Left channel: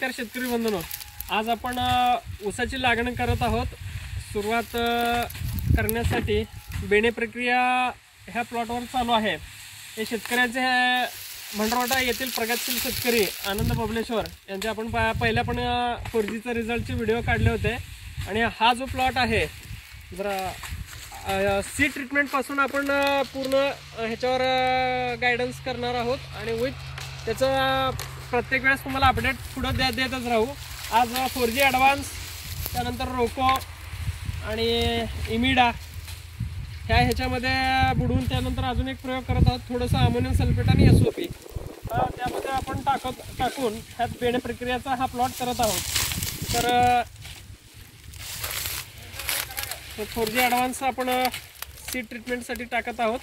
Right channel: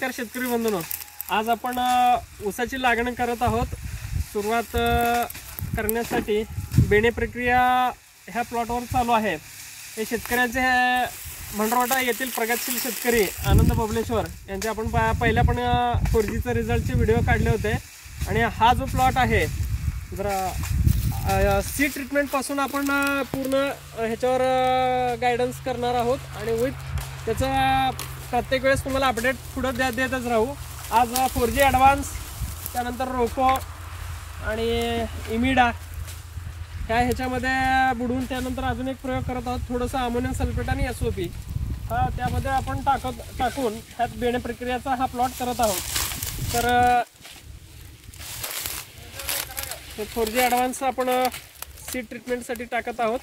नमस्कार शेतकरी बंधूंनो, आज आपण ऊसाची लागण करत आहोत। सुरुवात करण्यासाठी बेणे प्रक्रिया ह्या प्लॉटवर चालू आहे। हे शेतकऱ्यांचे मंडरवाटा येथील प्रगतशील शेतकरी आनंद बबलेश्वर यांचे आपण पहिल्या पण 4Gचा रिझल्टचे व्हिडिओ काढले होते। आणि हा जो प्लॉट आहे जरा सीड ट्रीटमेंट पासून आपण पूर्ण ह्याच्यावर गायडन्स करणार आहोत आणि विथ त्याचा प्रत्येक वेळेस तुम्हाला अपडेट पुढे देतच राहू। आज 4G ॲडव्हान्स, त्यानंतर रोको आणि इमिडा ह्याच्यामध्ये बुडवून त्यानंतर अजून एक प्रयोग करत आहोत, थोडंसं अमोनियम सल्फेट आणि SOP त्यामध्ये आपण टाकून ह्यात बेणे प्रक्रियाचा हा प्लॉट करत आहोत। तर 4G ॲडव्हान्स आपण सीड ट्रीटमेंटसाठी टाकत आहोत।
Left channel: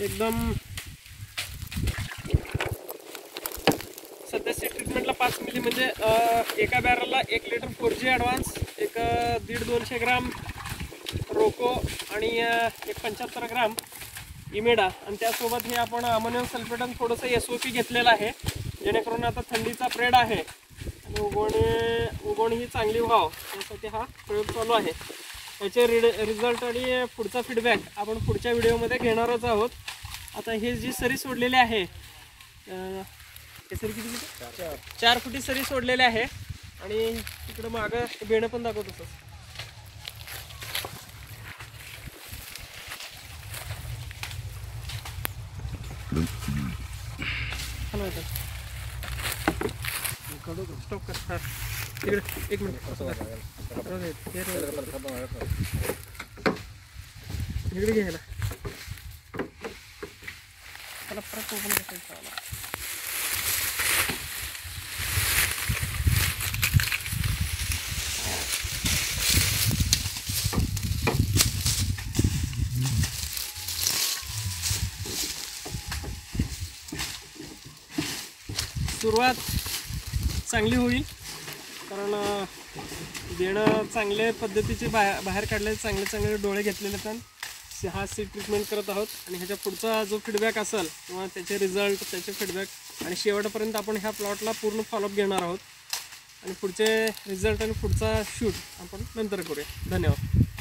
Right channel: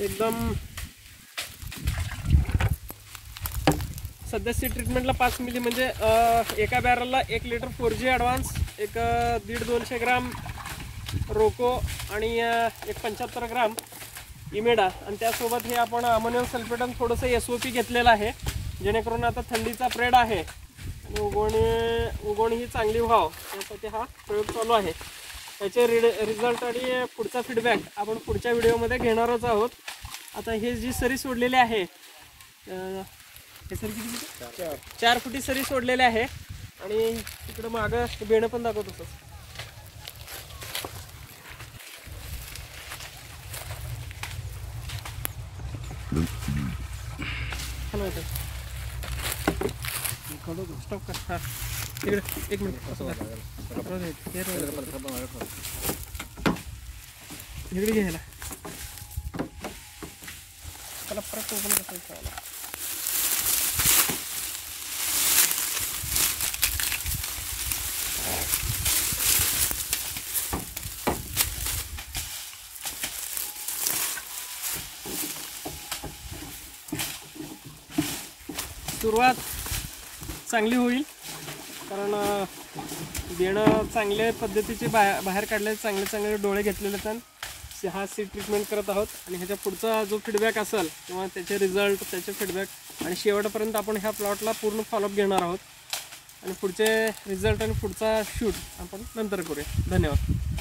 एकदम सध्या सीड ट्रीटमेंटला 5 मिली म्हणजे एका बॅरलला 1 लिटर 4G ॲडव्हान्स, एक 150-200 ग्राम रोको आणि एक 75 ग्राम इमेडा आणि त्यासोबत हे आपण अमोनियम सल्फेट आणि थोडंसं SOP घेतलेलं आहे, जेणेकरून आता थंडीचा पिरियड आहे आणि उगवण ही चांगली व्हावं यासाठी हा प्रयोग चालू आहे। याचे रिझल्ट आणि पुढचा फीडबॅक आपण पुढच्या व्हिडिओमध्ये घेणारच आहोत। आता हे जी सरी सोडलेली आहे, हे सरी किती 4 फुटी सरी सोडलेली आहे आणि तिकडं मागं बेणं पण दाखवत होतं। स्टॉप कर, हां एक मिनिट इकडे घ्यायला त्याला परत ओपन करायचं आहे। सुरुवात चांगली होईल कारण बेणं चांगल्या पद्धतीचे बाहेर काढले, चांगले डोळे घेतलेले तर हा सीड ट्रीटमेंट करत आहोत। आणि ह्याच्या पुढचा जो फीडबॅक असेल किंवा त्याचे रिझल्ट, त्याचे फीडबॅक आणि शेवटपर्यंत आपण ह्या प्लॉटला पूर्ण फॉलोअप घेणार आहोत आणि पुढचे रिझल्ट आणि पुढचा शूट आपण नंतर करूया। धन्यवाद।